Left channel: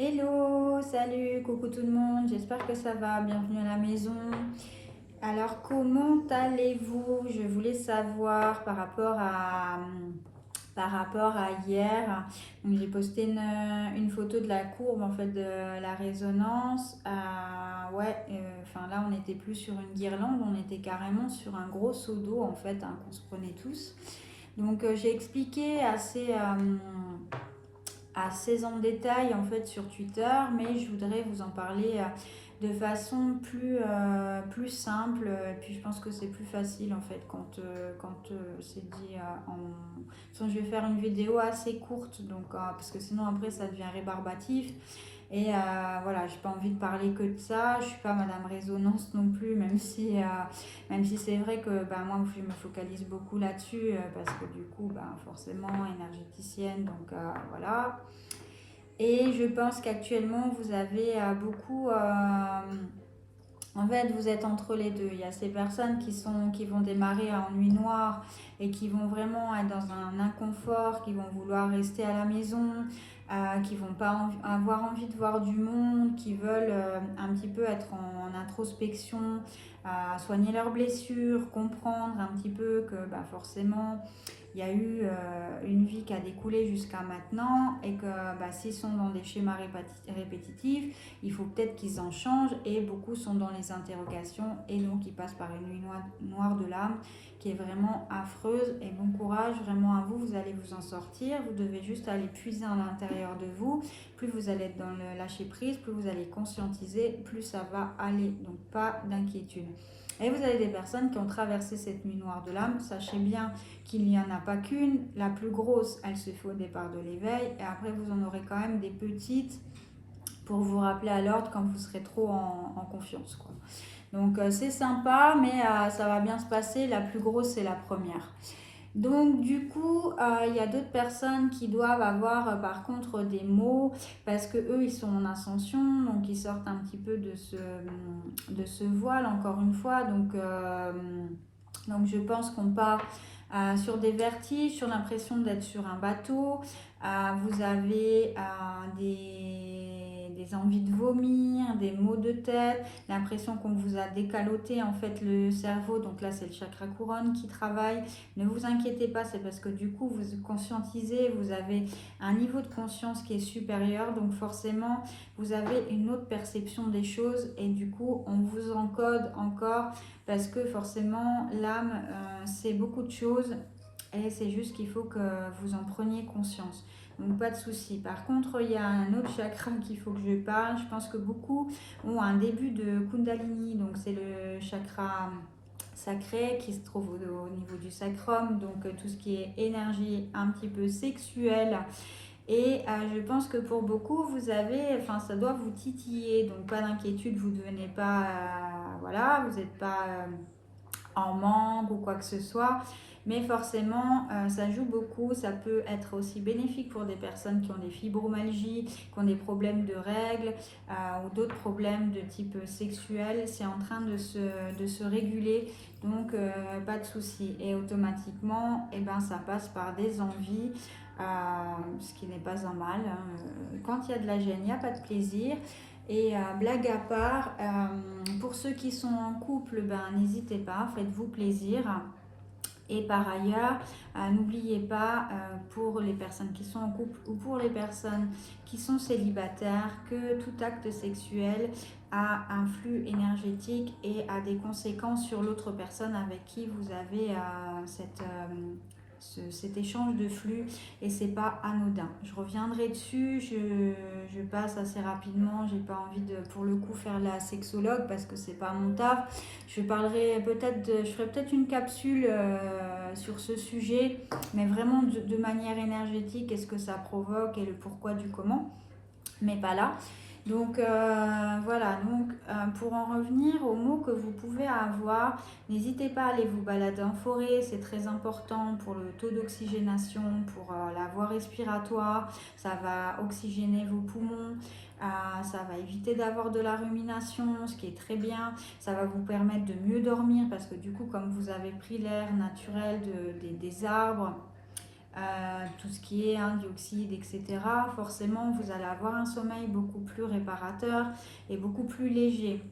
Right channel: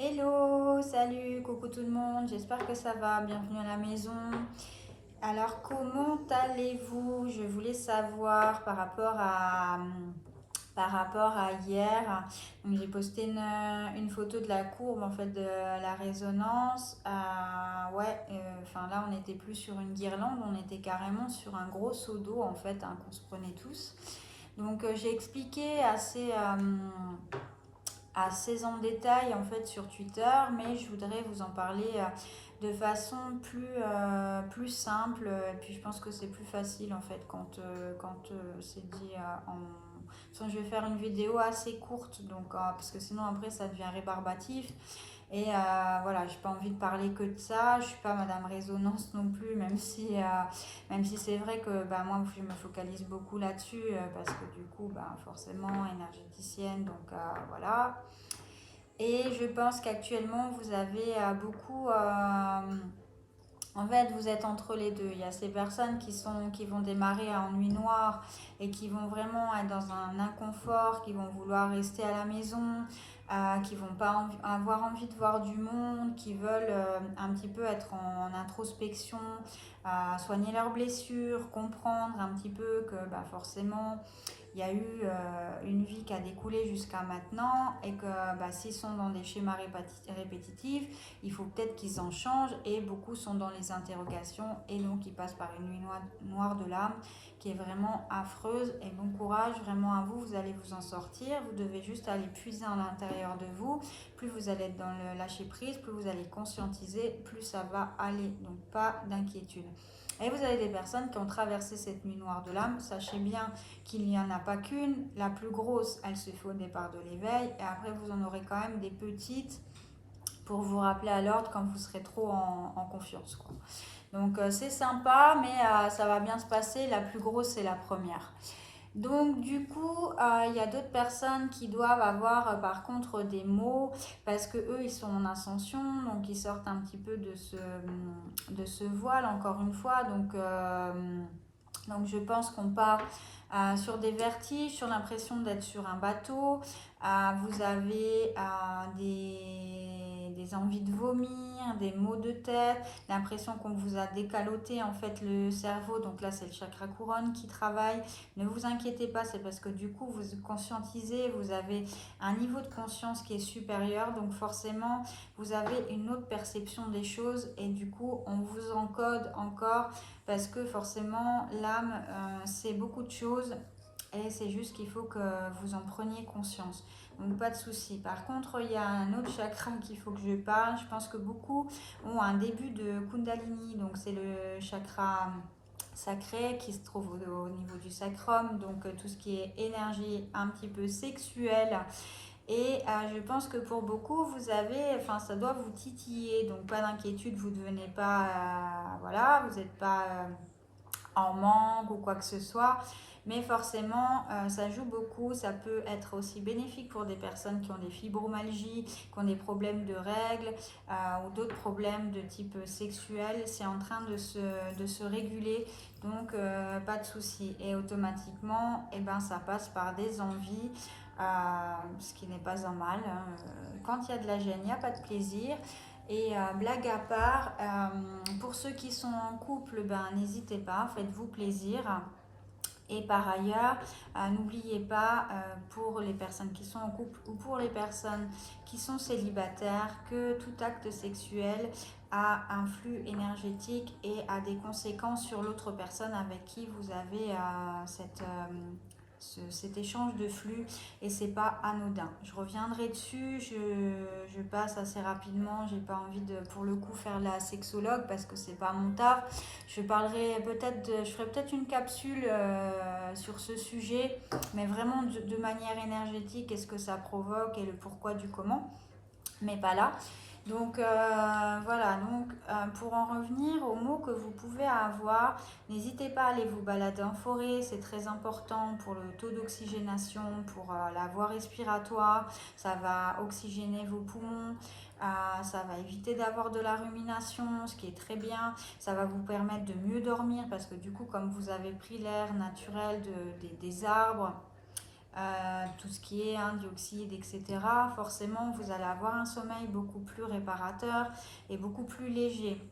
Hello, salut, coucou tout le monde, j'espère que ça va, bienvenue à la maison. Alors comment allez-vous? Je voulais savoir par rapport à hier. Donc, j'ai posté une photo de la courbe en fait de la résonance. Enfin là on n'était plus sur une guirlande, on était carrément sur un gros seau d'eau en fait qu'on se prenait tous. Donc j'ai expliqué assez en détail en fait sur Twitter, mais je voudrais vous en parler de façon plus simple. Puis je pense que c'est plus facile en fait quand c'est dit je vais faire une vidéo assez courte, donc parce que sinon après ça devient rébarbatif. Et voilà, j'ai pas envie de parler que de ça. Je suis pas Madame Résonance non plus, même si c'est vrai que moi je me focalise beaucoup là-dessus parce que du coup, forcément énergéticienne, donc voilà. Et je pense qu'actuellement vous avez en fait, vous êtes entre les deux. Il y a ces personnes qui vont démarrer en nuit noire et qui vont vraiment être dans un inconfort, qui vont vouloir rester à la maison, qui vont pas avoir envie de voir du monde, qui veulent un petit peu être en introspection, soigner leurs blessures, comprendre un petit peu que forcément il y a eu une vie qui a découlé jusqu'à maintenant et que s'ils sont dans des schémas répétitifs, il faut peut-être qu'ils en changent, et beaucoup sont dans les interrogations et donc ils passent par une nuit noire de l'âme qui est vraiment affreuse. Et bon courage vraiment à vous, vous allez vous en sortir. Vous devez juste aller puiser à l'intérieur de vous. Plus vous allez être dans le lâcher prise, plus vous allez conscientiser, plus ça va aller, donc pas d'inquiétude. Et vous avez des personnes qui ont traversé cette nuit noire de l'âme. Sachez bien qu'il n'y en a pas qu'une. La plus grosse, elle se fait au départ de l'éveil, et après vous en aurez quand même des petites pour vous rappeler à l'ordre quand vous serez trop en confiance, quoi. Donc c'est sympa, mais ça va bien se passer. La plus grosse, c'est la première. Donc du coup, il y a d'autres personnes qui doivent avoir par contre des mots, parce que eux ils sont en ascension, donc ils sortent un petit peu de ce voile encore une fois. Donc je pense qu'on part sur des vertiges, sur l'impression d'être sur un bateau. Vous avez des envies de vomir, des maux de tête, l'impression qu'on vous a décaloté en fait le cerveau. Donc là c'est le chakra couronne qui travaille. Ne vous inquiétez pas, c'est parce que du coup vous conscientisez, vous avez un niveau de conscience qui est supérieur, donc forcément vous avez une autre perception des choses, et du coup on vous encode encore parce que forcément l'âme c'est beaucoup de choses, et c'est juste qu'il faut que vous en preniez conscience. Donc pas de souci. Par contre, il y a un autre chakra qu'il faut que je parle. Je pense que beaucoup ont un début de Kundalini, donc c'est le chakra sacré qui se trouve au niveau du sacrum, donc tout ce qui est énergie un petit peu sexuelle. Et je pense que pour beaucoup, ça doit vous titiller, donc pas d'inquiétude, vous ne devenez pas, voilà, vous n'êtes pas en manque ou quoi que ce soit. Mais forcément, ça joue beaucoup. Ça peut être aussi bénéfique pour des personnes qui ont des fibromyalgies, qui ont des problèmes de règles ou d'autres problèmes de type sexuel. C'est en train de se réguler, donc pas de souci. Et automatiquement, ça passe par des envies, ce qui n'est pas un mal, hein. Quand il y a de la gêne, il n'y a pas de plaisir. Et blague à part, pour ceux qui sont en couple, n'hésitez pas, faites-vous plaisir. Et par ailleurs, n'oubliez pas, pour les personnes qui sont en couple ou pour les personnes qui sont célibataires, que tout acte sexuel a un flux énergétique et a des conséquences sur l'autre personne avec qui vous avez cet échange de flux, et c'est pas anodin. Je reviendrai dessus, je passe assez rapidement, j'ai pas envie de pour le coup faire la sexologue parce que c'est pas mon taf. Je ferai peut-être une capsule sur ce sujet, mais vraiment de manière énergétique, qu'est-ce que ça provoque et le pourquoi du comment, mais pas là. Donc voilà, pour en revenir aux mots que vous pouvez avoir, n'hésitez pas à aller vous balader en forêt, c'est très important pour le taux d'oxygénation, pour la voie respiratoire, ça va oxygéner vos poumons, ça va éviter d'avoir de la rumination, ce qui est très bien, ça va vous permettre de mieux dormir parce que du coup comme vous avez pris l'air naturel des arbres, tout ce qui est dioxyde, etc., forcément, vous allez avoir un sommeil beaucoup plus réparateur et beaucoup plus léger.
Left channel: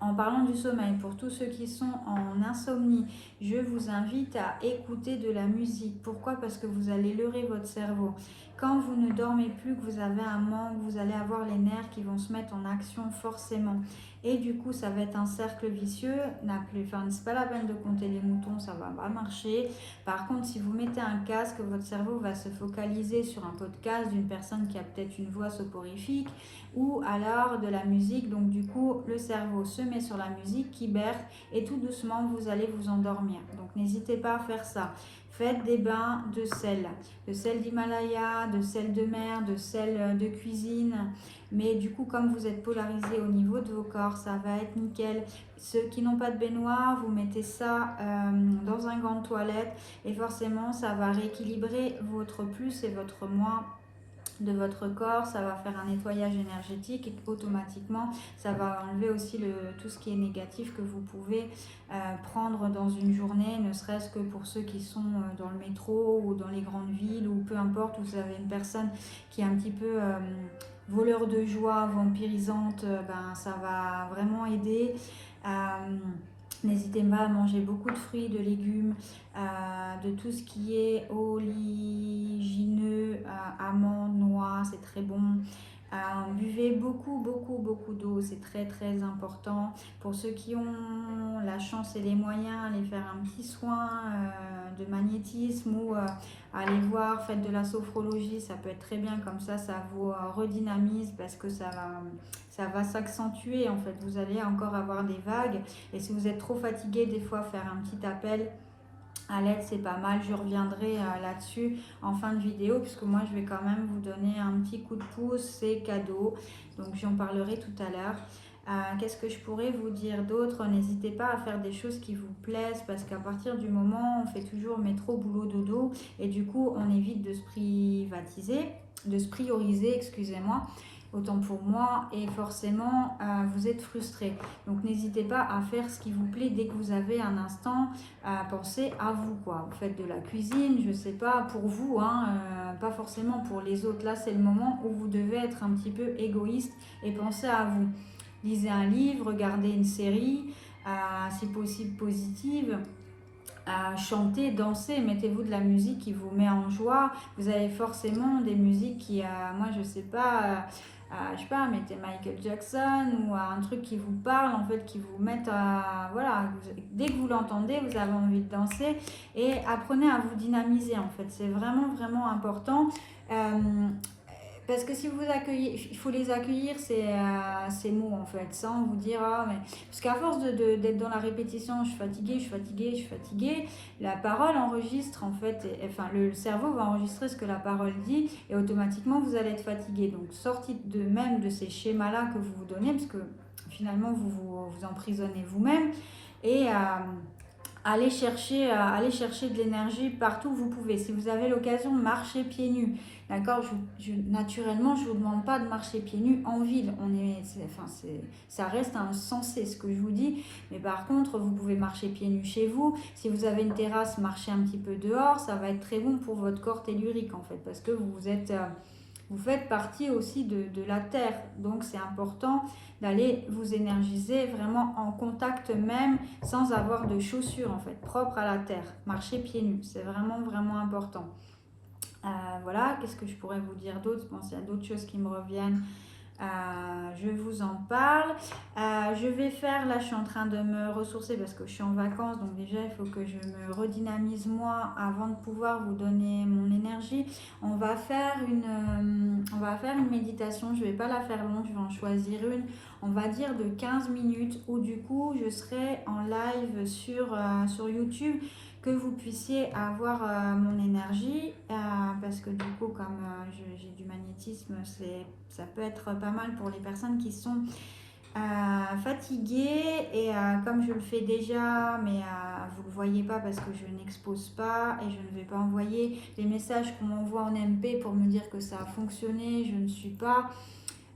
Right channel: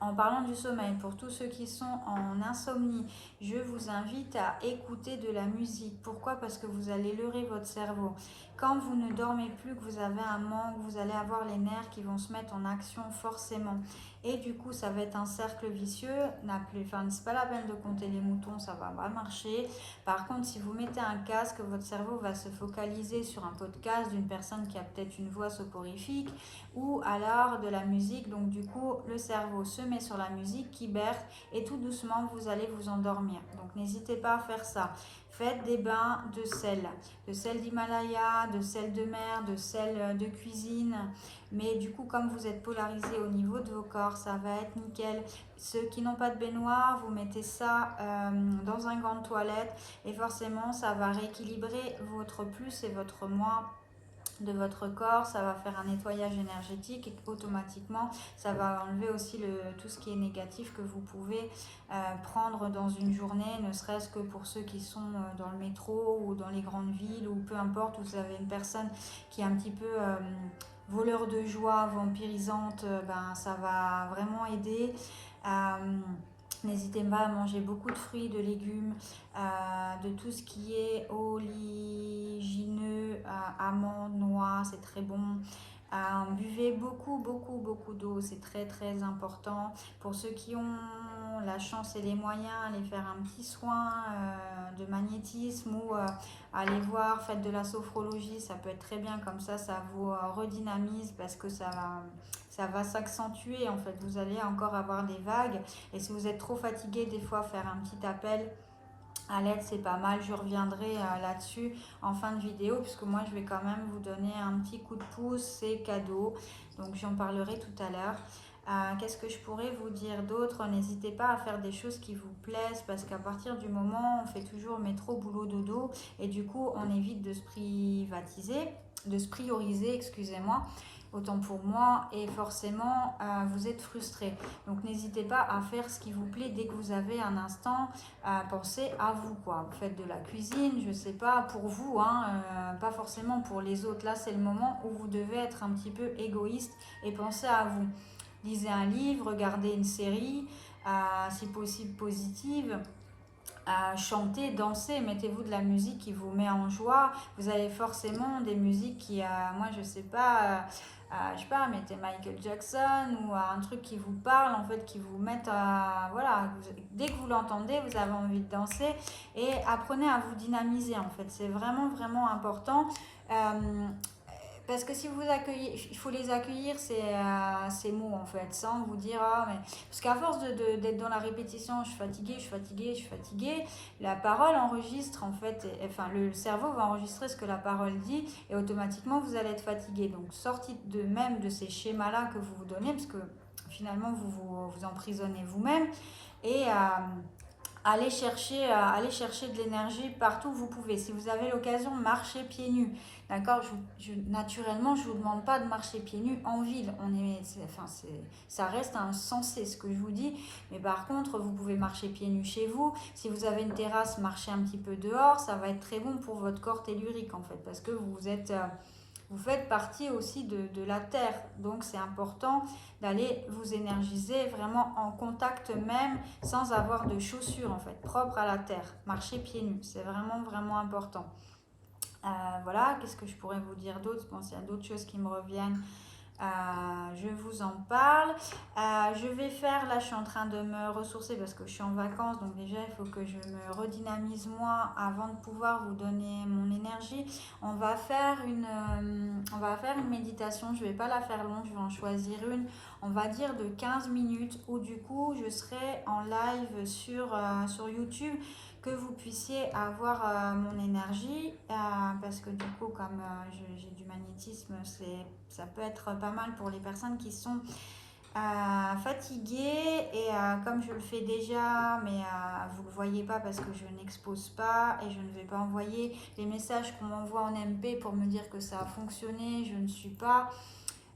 En parlant du sommeil, pour tous ceux qui sont en insomnie, je vous invite à écouter de la musique. Pourquoi? Parce que vous allez leurrer votre cerveau. Quand vous ne dormez plus, que vous avez un manque, vous allez avoir les nerfs qui vont se mettre en action forcément. Et du coup, ça va être un cercle vicieux. C'est pas la peine de compter les moutons, ça va pas marcher. Par contre, si vous mettez un casque, votre cerveau va se focaliser sur un podcast d'une personne qui a peut-être une voix soporifique ou alors de la musique. Donc du coup, le cerveau se met sur la musique qui berce et tout doucement, vous allez vous endormir. Donc n'hésitez pas à faire ça. Faites des bains de sel d'Himalaya, de sel de mer, de sel de cuisine. Mais du coup, comme vous êtes polarisé au niveau de vos corps, ça va être nickel. Ceux qui n'ont pas de baignoire, vous mettez ça dans un gant de toilette et forcément, ça va rééquilibrer votre plus et votre moins de votre corps, ça va faire un nettoyage énergétique et automatiquement ça va enlever aussi tout ce qui est négatif que vous pouvez prendre dans une journée, ne serait-ce que pour ceux qui sont dans le métro ou dans les grandes villes ou peu importe, où vous avez une personne qui est un petit peu voleur de joie, vampirisante, ça va vraiment aider. N'hésitez pas à manger beaucoup de fruits, de légumes, de tout ce qui est oléagineux, amandes, noix, c'est très bon. Buvez beaucoup d'eau, c'est très très important. Pour ceux qui ont la chance et les moyens, allez faire un petit soin de magnétisme ou allez voir, faites de la sophrologie, ça peut être très bien, comme ça vous redynamise parce que ça va s'accentuer en fait. Vous allez encore avoir des vagues et si vous êtes trop fatigué, des fois faire un petit appel à l'aide, c'est pas mal. Je reviendrai là-dessus en fin de vidéo puisque moi je vais quand même vous donner un petit coup de pouce, c'est cadeau, donc j'en parlerai tout à l'heure. Qu'est-ce que je pourrais vous dire d'autre? N'hésitez pas à faire des choses qui vous plaisent parce qu'à partir du moment où on fait toujours métro, boulot, dodo et du coup on évite de se prioriser, excusez-moi, autant pour moi, et forcément vous êtes frustré. Donc n'hésitez pas à faire ce qui vous plaît dès que vous avez un instant, pensez à vous quoi. Vous faites de la cuisine, je sais pas, pour vous, pas forcément pour les autres. Là c'est le moment où vous devez être un petit peu égoïste et penser à vous. Lisez un livre, regardez une série, si possible positive. Chantez, dansez, mettez-vous de la musique qui vous met en joie. Vous avez forcément des musiques qui, moi je sais pas, mettez Michael Jackson ou un truc qui vous parle en fait, qui vous mette voilà, dès que vous l'entendez, vous avez envie de danser et apprenez à vous dynamiser en fait. C'est vraiment vraiment important. Parce que si vous accueillez, il faut les accueillir ces mots en fait, sans vous dire mais parce qu'à force d'être dans la répétition, je suis fatiguée, la parole enregistre en fait, le cerveau va enregistrer ce que la parole dit et automatiquement vous allez être fatigué. Donc sortez de ces schémas-là que vous vous donnez parce que finalement vous emprisonnez vous-même et allez chercher de l'énergie partout où vous pouvez. Si vous avez l'occasion de marcher pieds nus, d'accord, naturellement, je ne vous demande pas de marcher pieds nus en ville. Ça reste insensé ce que je vous dis. Mais par contre, vous pouvez marcher pieds nus chez vous. Si vous avez une terrasse, marchez un petit peu dehors. Ça va être très bon pour votre corps tellurique en fait. Parce que vous faites partie aussi de la terre. Donc, c'est important d'aller vous énergiser vraiment en contact même, sans avoir de chaussures en fait, propres à la terre. Marcher pieds nus, c'est vraiment vraiment important. Voilà, qu'est-ce que je pourrais vous dire d'autre? Je pense qu'il y a d'autres choses qui me reviennent. Je vous en parle. Je vais faire, là je suis en train de me ressourcer parce que je suis en vacances, donc déjà il faut que je me redynamise moi avant de pouvoir vous donner mon énergie. On va faire une méditation, je ne vais pas la faire longue, je vais en choisir une, on va dire de 15 minutes où du coup je serai en live sur YouTube, que vous puissiez avoir mon énergie parce que du coup comme j'ai du magnétisme, ça peut être pas mal pour les personnes qui sont fatiguées et comme je le fais déjà mais vous ne le voyez pas parce que je n'expose pas et je ne vais pas envoyer les messages qu'on m'envoie en MP pour me dire que ça a fonctionné, je ne suis pas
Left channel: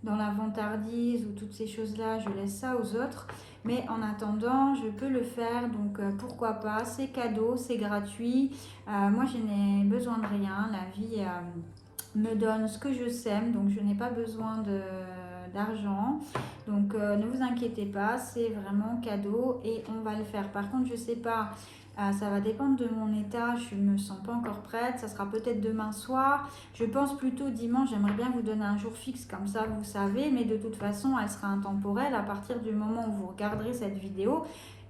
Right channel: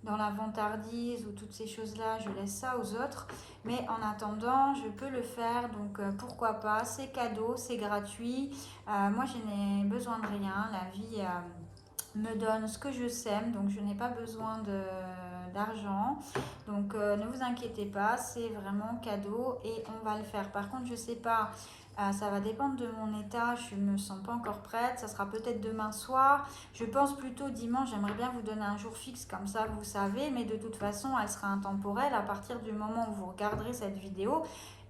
dans la vantardise ou toutes ces choses-là, je laisse ça aux autres. Mais en attendant, je peux le faire, donc pourquoi pas, c'est cadeau, c'est gratuit. Moi, je n'ai besoin de rien, la vie me donne ce que je sème, donc je n'ai pas besoin d'argent. Donc ne vous inquiétez pas, c'est vraiment cadeau et on va le faire. Par contre, je sais pas, ça va dépendre de mon état, je me sens pas encore prête, ça sera peut-être demain soir. Je pense plutôt dimanche, j'aimerais bien vous donner un jour fixe, comme ça vous savez, mais de toute façon, elle sera intemporelle à partir du moment où vous regarderez cette vidéo.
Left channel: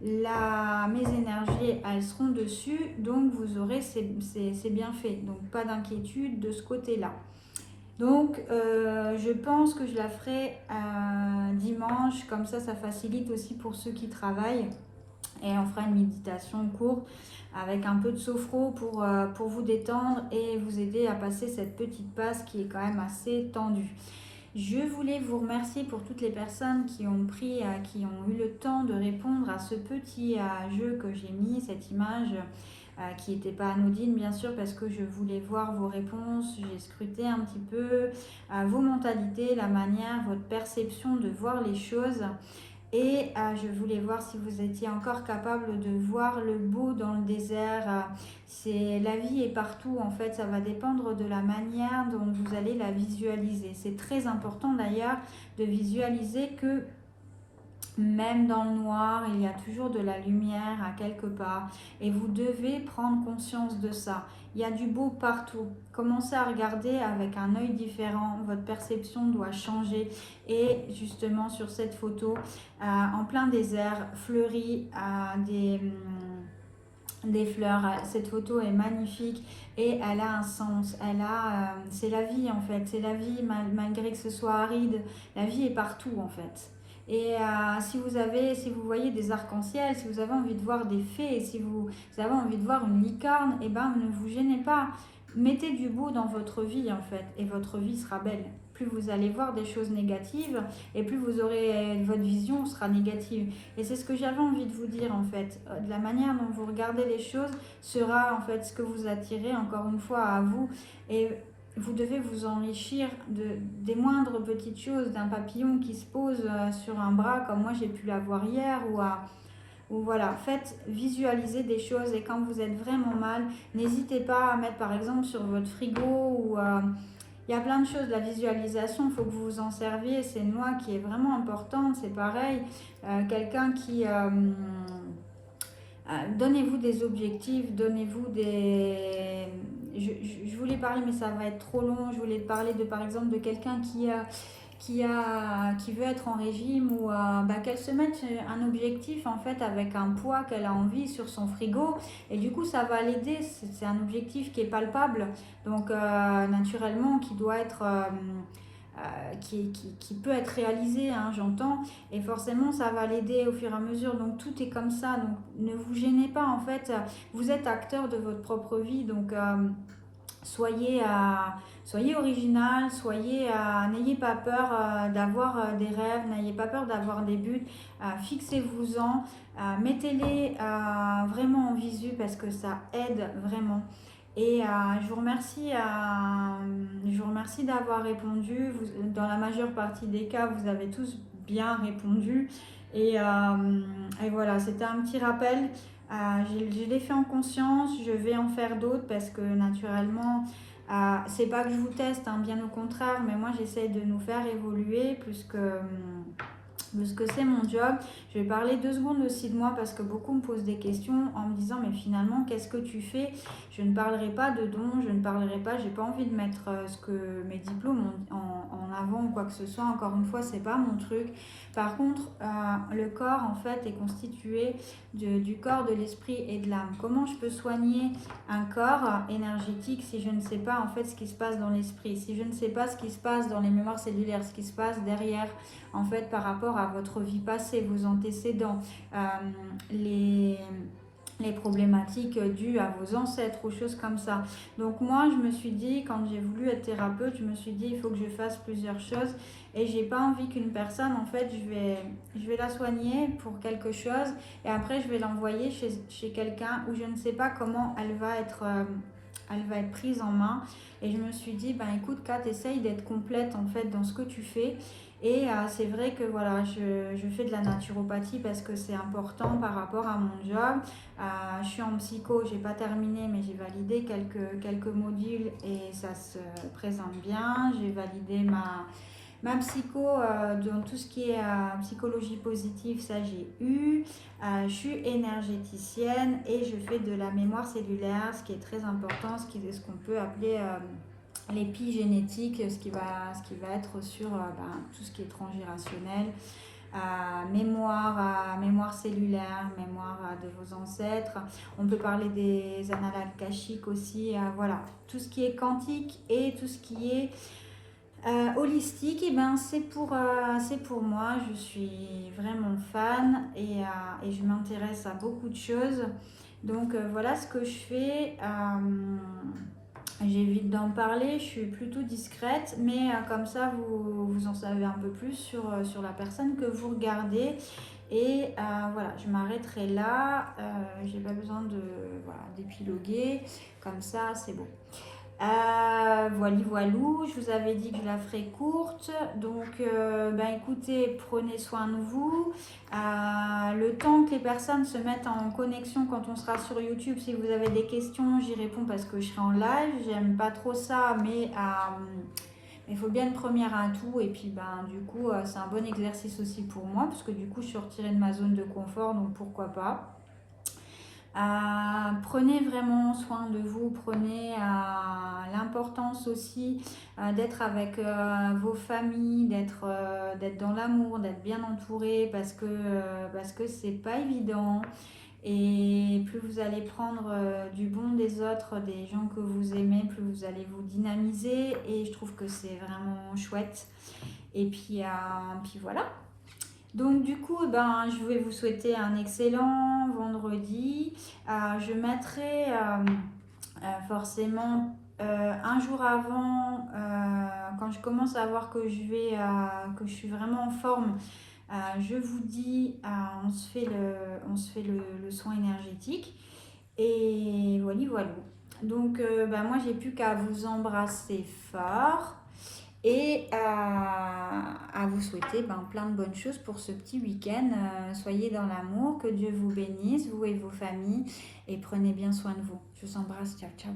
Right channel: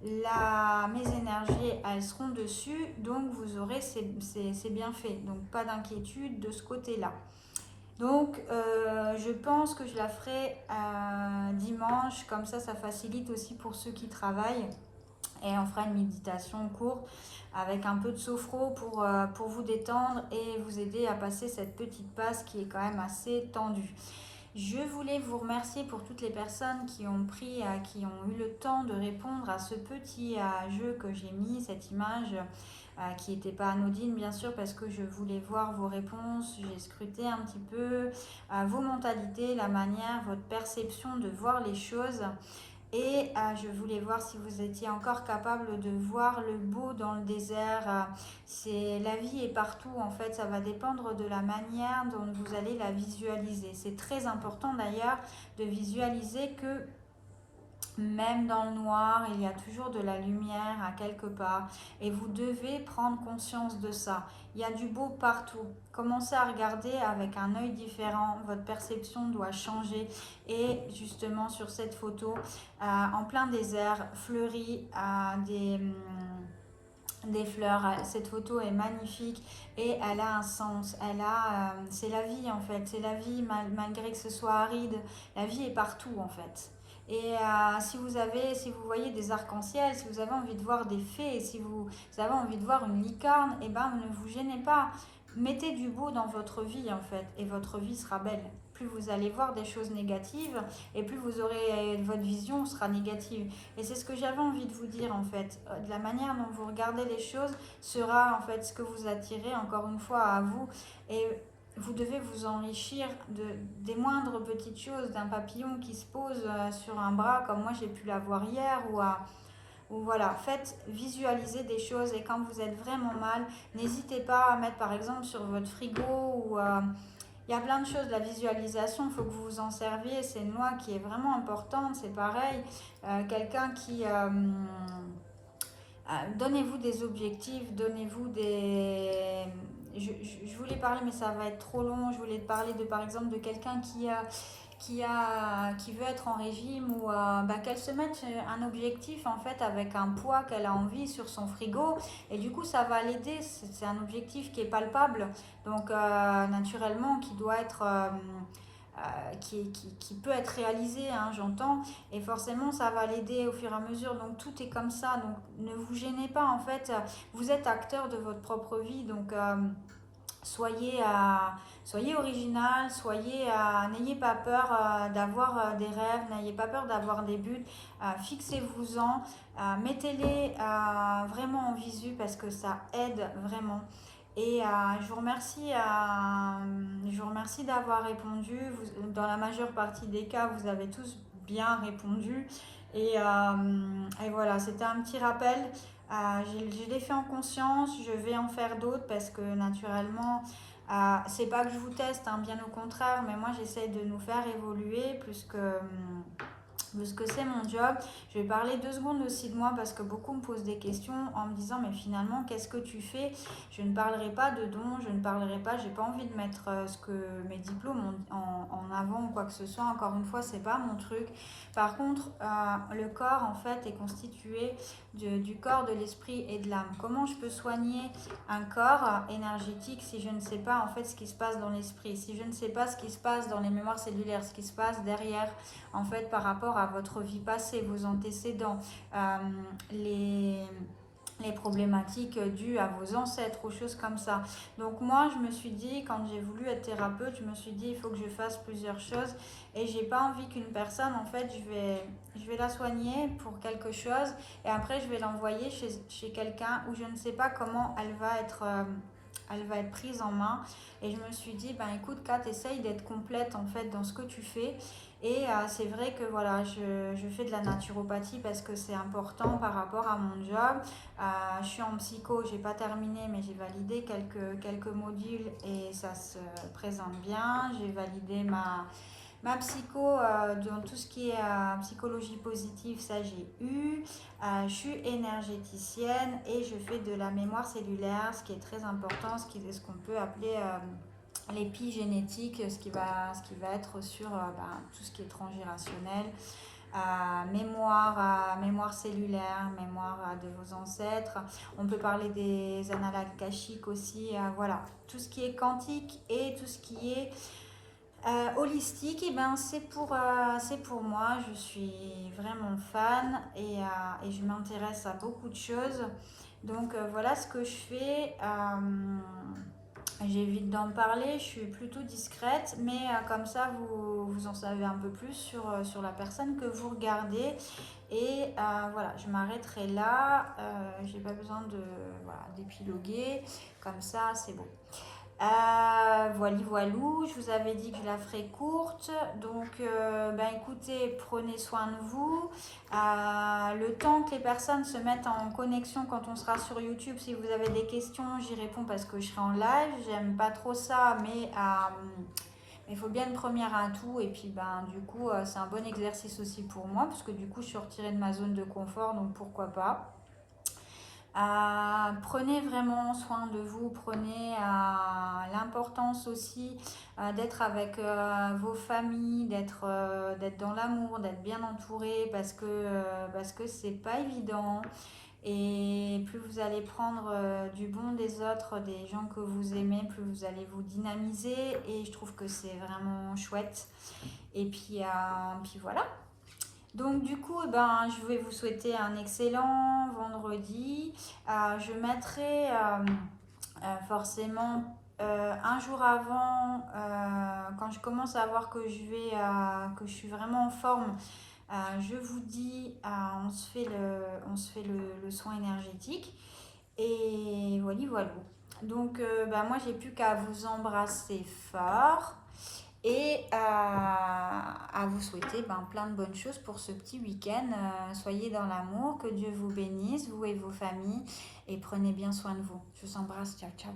Mes énergies, elles seront dessus, donc vous aurez, c'est bien fait, donc pas d'inquiétude de ce côté-là. Donc je pense que je la ferai dimanche, comme ça facilite aussi pour ceux qui travaillent, et on fera une méditation courte avec un peu de sophro pour vous détendre et vous aider à passer cette petite passe qui est quand même assez tendue. Je voulais vous remercier pour toutes les personnes qui ont eu le temps de répondre à ce petit jeu que j'ai mis, cette image qui n'était pas anodine bien sûr, parce que je voulais voir vos réponses. J'ai scruté un petit peu vos mentalités, la manière, votre perception de voir les choses. Et je voulais voir si vous étiez encore capable de voir le beau dans le désert. La vie est partout en fait, ça va dépendre de la manière dont vous allez la visualiser. C'est très important d'ailleurs de visualiser que même dans le noir, il y a toujours de la lumière à quelque part. Et vous devez prendre conscience de ça. Il y a du beau partout. Commencez à regarder avec un œil différent. Votre perception doit changer. Et justement, sur cette photo, en plein désert, fleuri, des fleurs. Cette photo est magnifique et elle a un sens. C'est la vie en fait. C'est la vie malgré que ce soit aride. La vie est partout en fait. Et si vous voyez des arcs-en-ciel, si vous avez envie de voir des fées, si vous avez envie de voir une licorne, eh ben ne vous gênez pas. Mettez du beau dans votre vie en fait, et votre vie sera belle. Plus vous allez voir des choses négatives, et plus votre vision sera négative. Et c'est ce que j'avais envie de vous dire en fait. De la manière dont vous regardez les choses sera en fait ce que vous attirez encore une fois à vous. Et vous devez vous enrichir des moindres petites choses, d'un papillon qui se pose sur un bras comme moi j'ai pu l'avoir hier, ou voilà, faites visualiser des choses. Et quand vous êtes vraiment mal, n'hésitez pas à mettre par exemple sur votre frigo il y a plein de choses. La visualisation, il faut que vous vous en serviez, c'est une loi qui est vraiment importante. C'est pareil, quelqu'un qui donnez-vous des objectifs, donnez-vous des... Je voulais parler, mais ça va être trop long. Je voulais parler par exemple de quelqu'un qui veut être en régime, ou qu'elle se mette un objectif en fait avec un poids qu'elle a envie sur son frigo, et du coup ça va l'aider. C'est un objectif qui est palpable, donc naturellement qui doit être... qui peut être réalisé, hein, j'entends, et forcément ça va l'aider au fur et à mesure. Donc tout est comme ça, donc ne vous gênez pas en fait, vous êtes acteur de votre propre vie, donc soyez original, n'ayez pas peur d'avoir des rêves, n'ayez pas peur d'avoir des buts, fixez-vous-en, mettez-les vraiment en visu, parce que ça aide vraiment. Et je vous remercie d'avoir répondu. Dans la majeure partie des cas, vous avez tous bien répondu. Et voilà, c'était un petit rappel. Je l'ai fait en conscience, je vais en faire d'autres, parce que naturellement, c'est pas que je vous teste, hein, bien au contraire, mais moi j'essaie de nous faire évoluer plus que c'est mon job. Je vais parler 2 secondes aussi de moi, parce que beaucoup me posent des questions en me disant mais finalement qu'est-ce que tu fais? Je ne parlerai pas de dons, j'ai pas envie de mettre mes diplômes en avant ou quoi que ce soit. Encore une fois, c'est pas mon truc. Par contre, le corps en fait est constitué du corps, de l'esprit et de l'âme. Comment je peux soigner un corps énergétique si je ne sais pas en fait ce qui se passe dans l'esprit, si je ne sais pas ce qui se passe dans les mémoires cellulaires, ce qui se passe derrière en fait par rapport à votre vie passée, vos antécédents, les problématiques dues à vos ancêtres, aux choses comme ça. Donc moi, je me suis dit, quand j'ai voulu être thérapeute, je me suis dit, il faut que je fasse plusieurs choses, et j'ai pas envie qu'une personne, en fait, je vais la soigner pour quelque chose, et après, je vais l'envoyer chez quelqu'un où je ne sais pas comment elle va être elle va être prise en main. Et je me suis dit, ben écoute Kat, essaye d'être complète en fait dans ce que tu fais. Et c'est vrai que voilà, je fais de la naturopathie parce que c'est important par rapport à mon job. Je suis en psycho, j'ai pas terminé, mais j'ai validé quelques modules et ça se présente bien. J'ai validé ma psycho dans tout ce qui est psychologie positive, ça j'ai eu. Je suis énergéticienne et je fais de la mémoire cellulaire, ce qui est très important, ce qu'on peut appeler l'épigénétique, ce qui va être sur tout ce qui est transgénérationnel, mémoire cellulaire, mémoire de vos ancêtres. On peut parler des annales akashiques aussi, voilà. Tout ce qui est quantique et tout ce qui est holistique, et ben c'est pour moi. Je suis vraiment fan et je m'intéresse à beaucoup de choses. Donc voilà ce que je fais. J'évite d'en parler, je suis plutôt discrète, mais comme ça vous en savez un peu plus sur la personne que vous regardez. Et voilà, je m'arrêterai là. J'ai pas besoin d'épiloguer, comme ça c'est bon. Voilou, je vous avais dit que je la ferai courte, donc écoutez, prenez soin de vous. Le temps que les personnes se mettent en connexion quand on sera sur YouTube, si vous avez des questions, j'y réponds parce que je serai en live. J'aime pas trop ça, mais il faut bien une première à tout. Et puis du coup, c'est un bon exercice aussi pour moi, parce que du coup, je suis retirée de ma zone de confort, donc pourquoi pas. Prenez vraiment soin de vous, prenez l'importance aussi d'être avec vos familles, d'être dans l'amour, d'être bien entouré, parce que c'est pas évident. Et plus vous allez prendre du bon des autres, des gens que vous aimez, plus vous allez vous dynamiser, et je trouve que c'est vraiment chouette. Et puis voilà. Donc du coup, je vais vous souhaiter un excellent vendredi. Je mettrai forcément un jour avant, quand je commence à voir que que je suis vraiment en forme, je vous dis, on se fait le soin énergétique. Et voilà. Donc moi, j'ai plus qu'à vous embrasser fort. Et à vous souhaiter plein de bonnes choses pour ce petit week-end. Soyez dans l'amour, que Dieu vous bénisse, vous et vos familles, et prenez bien soin de vous. Je vous embrasse, ciao ciao.